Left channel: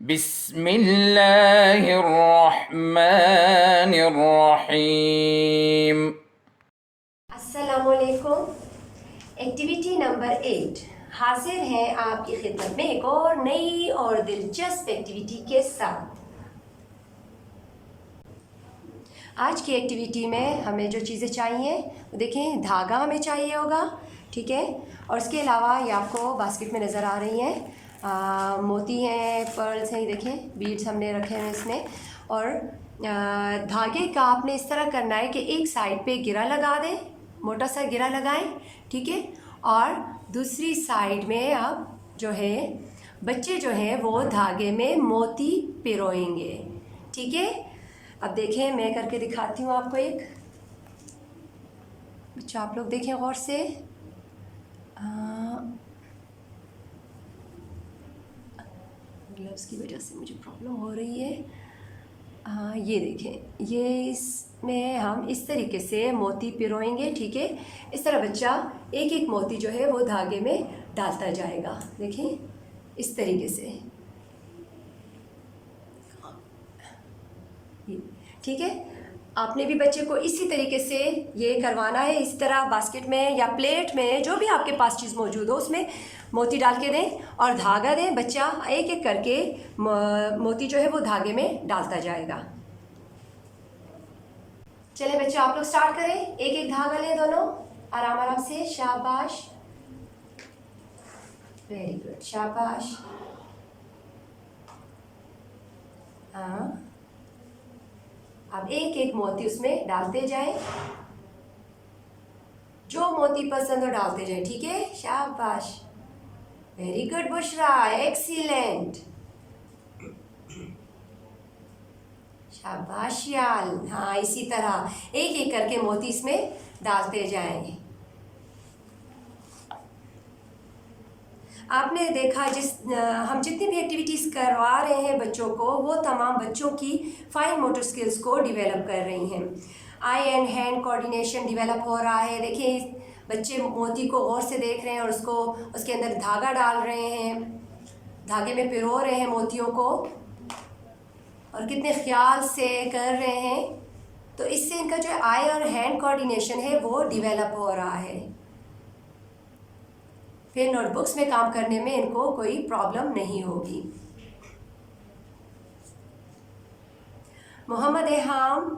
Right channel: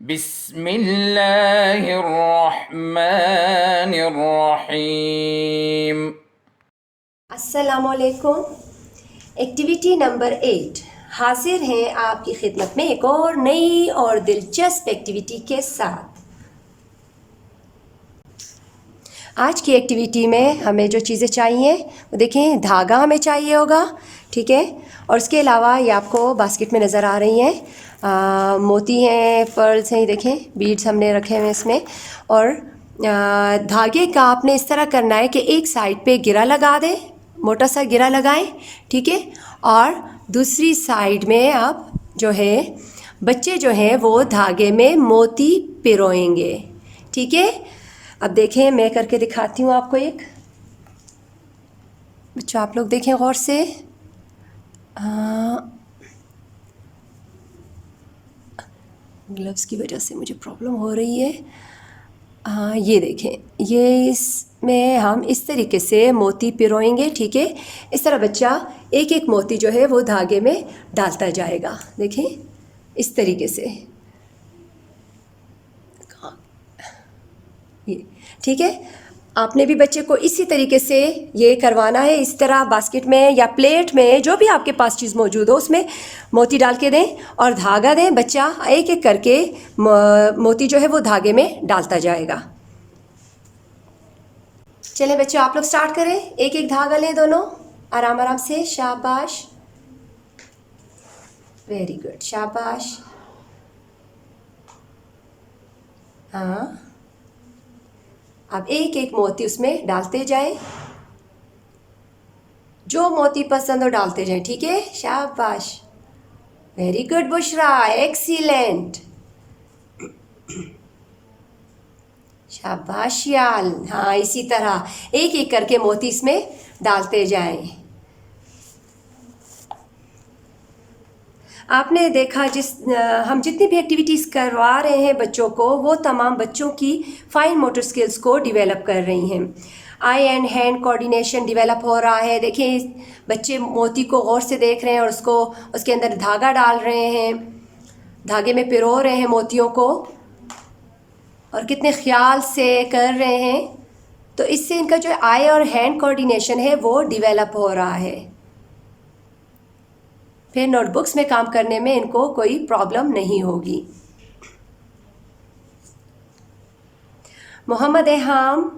बिस्मिल्लाहिर्रहमानिर्रहीम। अस्सलामुअलैकुम। Activity number 8 हाजिर हैं आपकी खिदमत में एक और नई और दिलचस्प एक्टिविटी के साथ। आज की एक्टिविटी में हमें जो चीज़ें चाहिए वो देखें, धागा हमें चाहिए होगा, ठीक है। और उसके अलावा ये आपको बास्केट में नज़र आ रही हैं, मोती हैं, पर्ल्स हैं, देखें बीड्स हमने रखे हुए इसमें। और धागे का आपने इस तरह करना है कि एक साइड पे गिरा लगा दें, मोटा सा गिरा लगाएं, ठीक है। और दूसरी साइड में आप जो है बच्चे जो है वो धागे में मोती पिरोएंगे, ठीक है। अब देखें, मैं करके दिखाती हूँ आपको एक। बच्चों आप लोग देखें गौर से। ग्लव्स की वजह से मुझे प्रॉब्लम हो रही है। ये देखें, ये इसमें हम इस तरीके से मोती पिरोएंगे, ठीक है। इस तरह बच्चा एक एक मोती जो है वो धागे में डालता जाएगा, देखें इस तरीके से, ये ठीक है। आपने भी बच्चे को इसी तरीके से ये करवाना है। इस तरह बास्केट में या प्लेट में जो भी आपके पास चीज़ मौजूद हो उसमें मोती डाल के दें और धागा दें। बच्चा एक एक करके मोती जो है वो धागे में डालता जाएगा। चले बच्चों, आप लोग स्टार्ट करें। एक एक धागा लें दोनों, आराम आराम से। शाबाश, वेरी गुड, शाबाश। हाँ, अब एक एक मोती उसमें डालते जाएं, जो मोती पसंद हो डालते जाएं, ठीक है। शाबाश, वेरी गुड बुशरा, एक्सीलेंट, शाबाश याल। हाँ, इसी तरह एक एक करके मोती इसमें डालते जाएं। आपने देखा हम जितनी भी एक्टिविटीज़ करवा रहे हैं बच्चों को, वो तमाम बच्चों की फाइन मोटर स्किल्स को डेवलप कर रही हैं। आई एंड हैंड कोऑर्डिनेशन डेवलप हो रहा है। देखिए, बच्चे मोती को गौर से देख रहे हैं और उसके अंदर धागा डाल रहे हैं, धागे में पिरो रहे हैं मोतियों को, और कितने ख्याल से कर रहे हैं। तो इससे इनका जो आई और हैंड कोऑर्डिनेशन है वो डेवलप हो रहा है। फिर नोटबुक्स में काम करने में इनको कोई प्रॉब्लम नहीं होगी। मोहम्मद एहाम,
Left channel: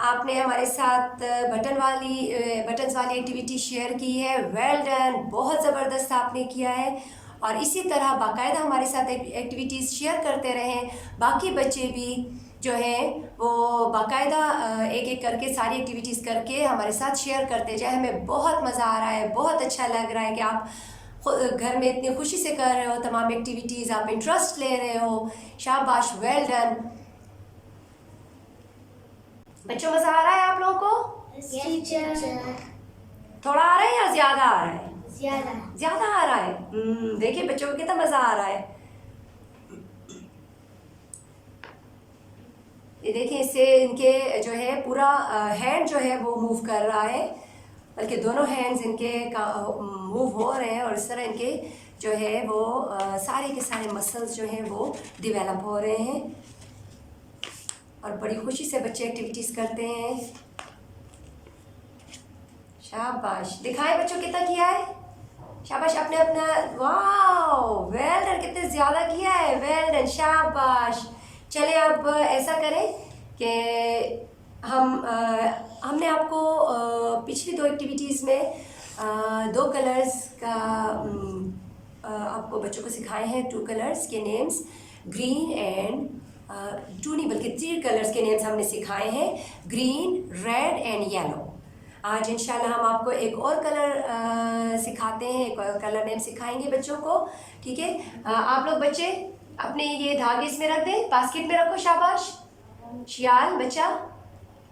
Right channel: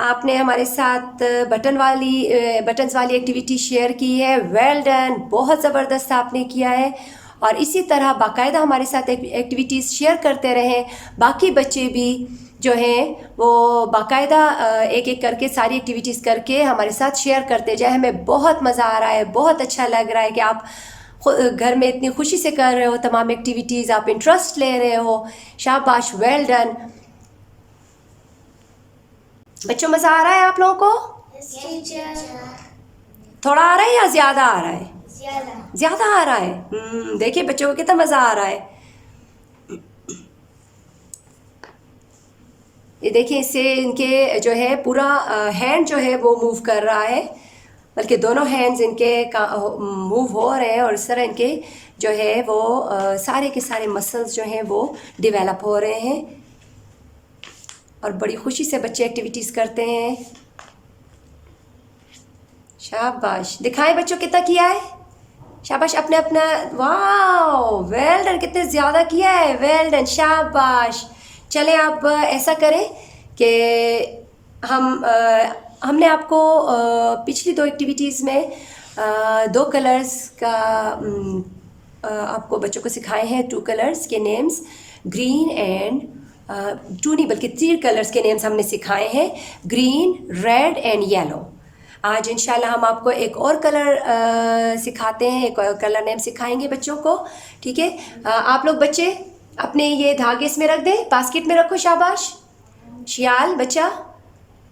आपने हमारे साथ बटन्स वाली एक्टिविटी शेयर की है। वेल डन, बहुत ज़बरदस्त आपने किया है। और इसी तरह बाकायदा हमारे साथ एक्टिविटीज़ शेयर करते रहें। बाकी बच्चे भी जो हैं वो बाकायदा एक एक करके सारी एक्टिविटीज़ करके हमारे साथ शेयर करते जाए। हमें बहुत मज़ा आ रहा है, बहुत अच्छा लग रहा है कि आप घर में इतनी खुशी से कर रहे हो तमाम एक्टिविटीज़, आप इंटरेस्ट ले रहे हो। शाबाश, वेल डन। बच्चों, मज़ा आ रहा है आप लोगों को? थोड़ा आ रहा है या ज़्यादा आ रहा है? ज़्यादा आ रहा है। देखिए बच्चों को कितना मज़ा आ रहा है। ये देखिए, इससे इनके जो है पूरा हैंड जो है वो मूव कर रहा है, बल्कि दोनों हैंड्स इनके मूव हो रहे हैं। और इस तरह इनके जो है वो सारे के सारे मसल्स जो हैं वो डेवलप हो रहे हैं। और बड़ी खुशी से बच्चे एक्टिविटीज़ करते हैं। शाबाश, दिखाएं बच्चों कितना किया है। शाबाश, अपने अपना, वाह वेल डन, कितने ज़्यादा किया है, वेल डन, शाबाश। चलें, आप ऐसा करें कि हमने आपको पिछली दो एक्टिविटीज़ में दो कलर्स का आपको बच्चों को सिखाए हैं। टू कलर्स के नेम्स, ग्रीन एंड टू नहीं बल्कि 3 कलर्स के नेम्स हमने सिखाए हैं, ग्रीन, रेड एंड येलो। आज इंशाल्लाह हम आपको एक और कलर सिखाते हैं, एक और कलर नेम सिखाएंगे बच्चों को, ठीक है। आप लोग बच्चे अपने ये धागे इसमें रख दें, बास्केट में रखो। शाबाश शियाल, बच्चा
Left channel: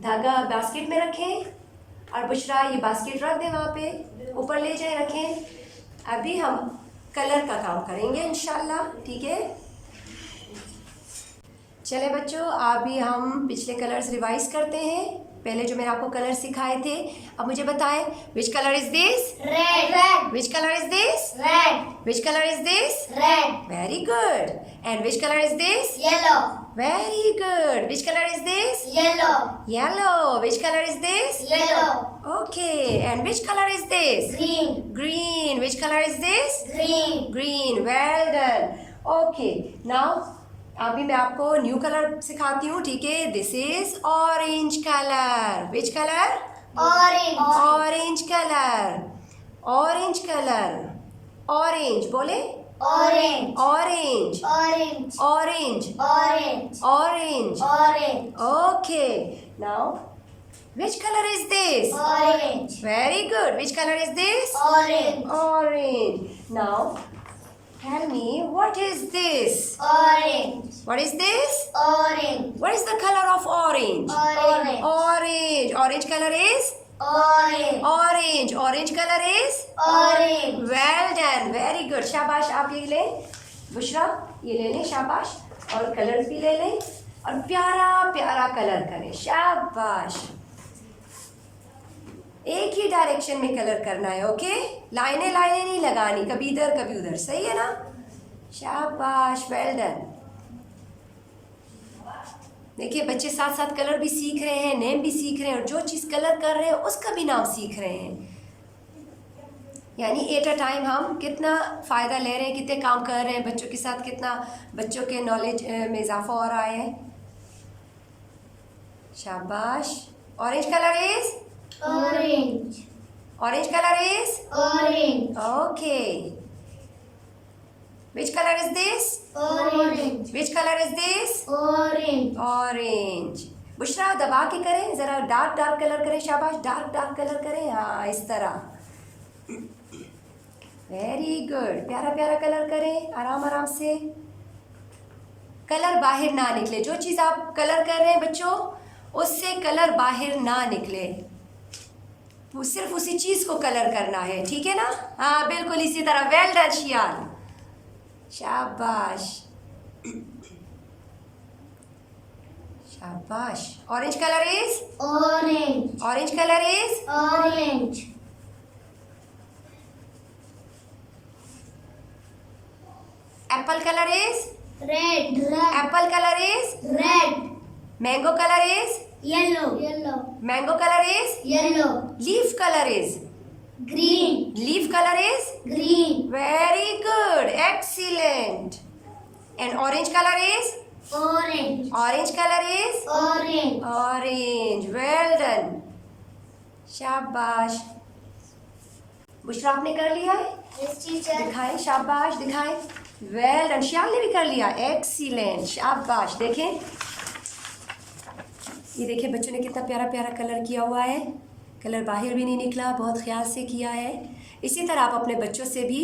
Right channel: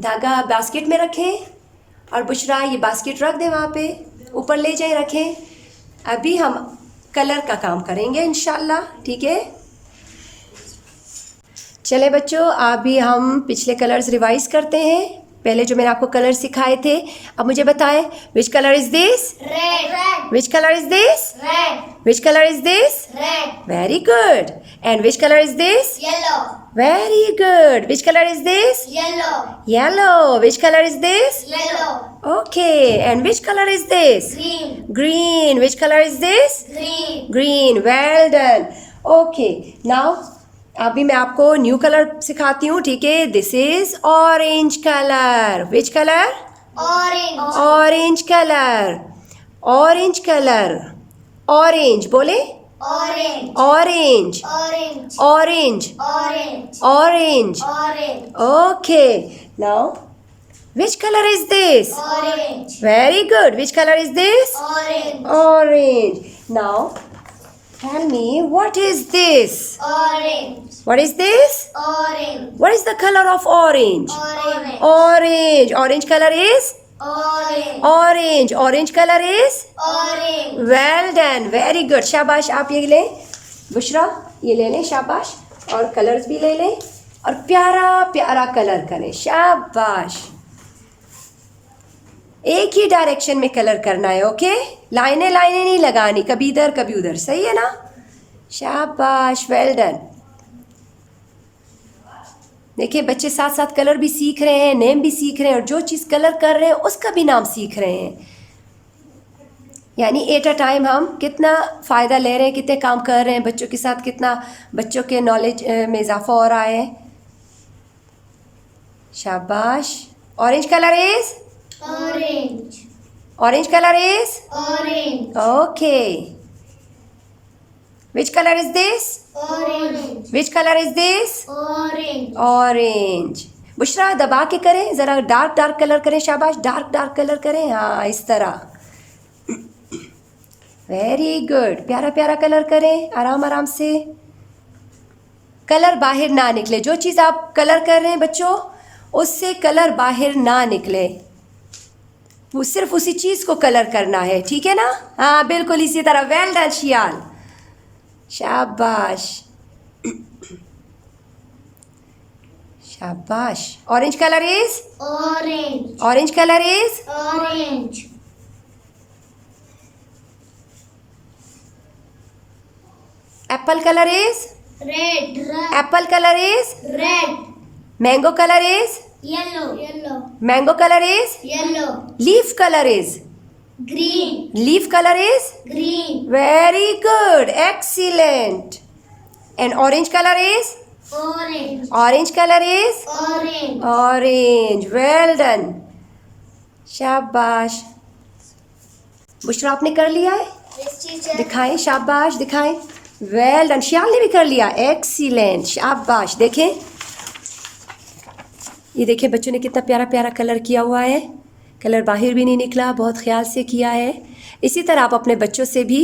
धागा बास्केट में रखें। और बुशरा, ये बास्केट रख दें वहाँ पे, ऊपर ले जाए रखें। अभी हम कलर का काम करेंगे इंशाल्लाह, ठीक है। चले बच्चों, अभी हम पिछले कलर्स रिवाइज करते हैं। पहले जो मैंने आपको कलर सिखाए थे, अब मुझे बताएं, which colour is this? Red. Which colour is this? Red. Which colour is this? Red. Very good. And which colour is this? Yellow. Very good. Which colour is this? Yellow. Yellow. Which colour is this? Yellow. Okay. And which colour is this? Green. Green. Which colour is this? Green. Green. Well done. Okay. Now अभी मैं आपको new colour सिखाती हूँ, ठीक है? This is orange colour. Which colour? Orange. Orange colour. Orange colour. Orange बोले. Orange. Orange. Orange. Orange. Orange. Orange. Orange. Okay. Now which colour is this? Orange. Very good. Which colour is this? Orange. Orange. Now, tell me, what is this? Orange. What is this? Orange. What is the color of orange? Orange. Orange. Orange color is? Orange. Orange. Orange color is? Orange. Well done. Very good. शाबाश. आप ये लें. बुशरा, ये ले लें. शाबाश. और colours भी ले लें. और प्यारा प्यारा कलर करें. शाबाश. एक ही डायरेक्शन में कलर करना है. ओके? लाइनें लाइनें नहीं लगानी, कभी इधर कभी उधर. सही है ना? शाबाश. Well done. देखिए बच्चे साथ साथ कलर भी सीख रहे हैं, नेम भी सीख रहे हैं, और जो चीज़ कलर कर रहे हैं उसका भी नाम सीख रहे हैं. यानी एट अ टाइम हम कितना फ़ायदा ले रहे हैं, कितने काम कर रहे हैं बच्चों के साथ, कितना बच्चों के नॉलेज में इजाफा हो रहा है. शाबाश. Orange colour is? Orange. Orange colour is? Orange. Okay. Which colour is this? Orange. Which colour is this? Orange. Orange. Bushra दबा के करें, ज़रा डार्क डार्क कलर करें. शाबाश. डार्क डार्क कलर करें. हाँ, इस तरह. Very good. प्यारा प्यारा कलर करें, आराम आराम से. कलर बाहर ना निकले. जो चीज़ आप कलर कर रहे हैं बच्चों, उससे कलर बाहर ना निकले. वो सिर्फ उसी चीज़ को कलर करना है. ठीक है ना? हाँ, बिल्कुल इसी तरह. Well done शियाल. शाबाश. शाबाश. Orange colour is? Orange. Orange colour is? Orange. Apple colour is? Red. Red. Apple colour is? Red. Mango colour is? Yellow. Yellow. Mango colour is? Yellow. Leaf colour is? Green. Leaf colour is? Green. Very good. Excellent. And orange colour is? Orange. Orange colour is? Orange. Orange. Well done. शाबाश. बुशरा आपने कर लिया है? Yes, teacher. दिखाएं. शाबाश. दिखाएं. Well done. श्याल ने भी कर लिया. एक्सीलेंट. शाबाश. देखें, ये देखिए बच्चों ने कितना प्यारा प्यारा कलर किया हुआ है. कलर बाहर भी नहीं निकला, बहुत ख्याल से किया है. इसी तरह आप अपने बच्चों से भी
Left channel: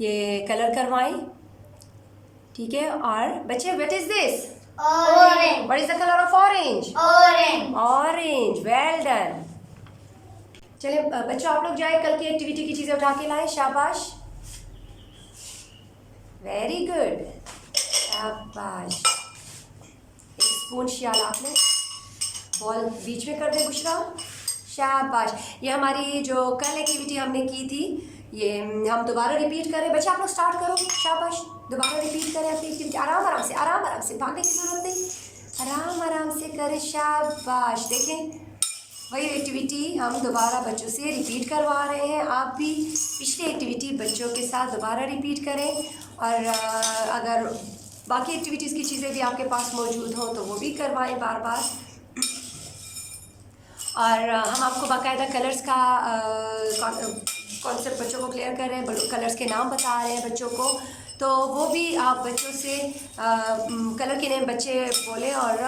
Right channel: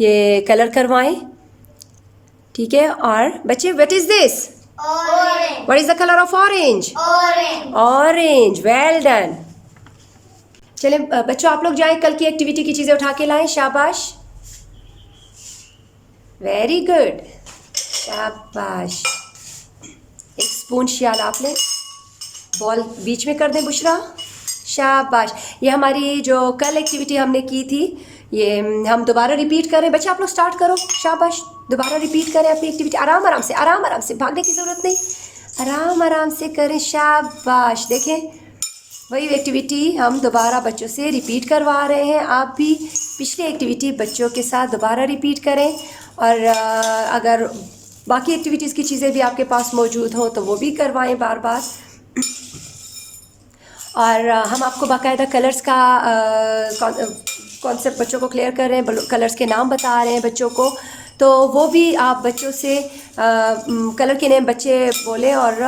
ये कलर करवाएं. ठीक है? और बच्चे, what is this? Orange. What is the colour of orange? Orange. Orange. Well done. चले बच्चों, आप लोग जाएं, कल की एक्टिविटी की चीज़ें उठा के लाएं. शाबाश. Very good. शाबाश. एक स्पून शियाल आप ले. बॉल बीच में कर दें बुशरा. शाबाश. ये हमारी जो कल एक्टिविटी हमने की थी, ये हम दोबारा रिपीट करें. बच्चे आप लोग स्टार्ट करो. शाबाश. दोबारा रिपीट करें अपनी एक्टिविटी. आराम आराम से, आराम आराम से. भागने की ज़रूरत नहीं. आराम आराम से करें. शाबाश. देखें, वही एक्टिविटी हम दोबारा बच्चों से रिपीट करवा रहे हैं. आप भी पिछली एक्टिविटी बच्चों के साथ दोबारा रिपीट करें. और अगर बाकी एक्टिविटीज़ की चीज़ें भी आपके पास मौजूद हों तो वो भी करवाएं बार बार. और हम आपको बाकायदा कलर्स का कॉन्सेप्ट बच्चों को क्लियर कर रहे हैं, कलर्स के नाम बता रहे हैं बच्चों को. तो वो भी आप बच्चों से कलर के नेम बच्चे बोलें, और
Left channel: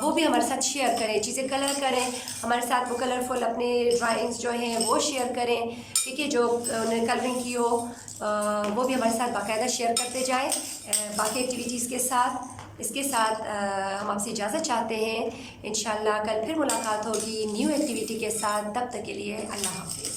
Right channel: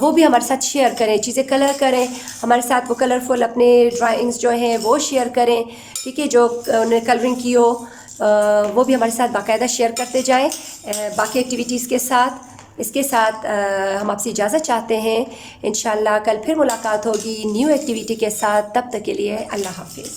वो भी हमारे साथ शेयर करें, चीज़ें कलर करें हमारे साथ. वो कलरफुल अपने ड्राइंग्स जो हैं वो शेयर करें. ठीक है? जो उन्होंने कलरिंग की हो वो भी हमारे साथ बाकायदा शेयर करते जाएं बाकी एक्टिविटीज़ के साथ. इसके साथ हम आपसे इजाज़त चाहते हैं. इंशाल्लाह कल फिर मुलाकात होगी न्यू एक्टिविटी के साथ. तब तक के लिए अल्लाह हाफिज़.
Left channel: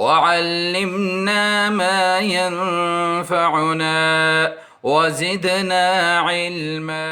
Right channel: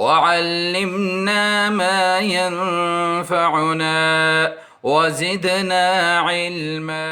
वअल्लिमना मा यंफउना वज़िदना इल्मा।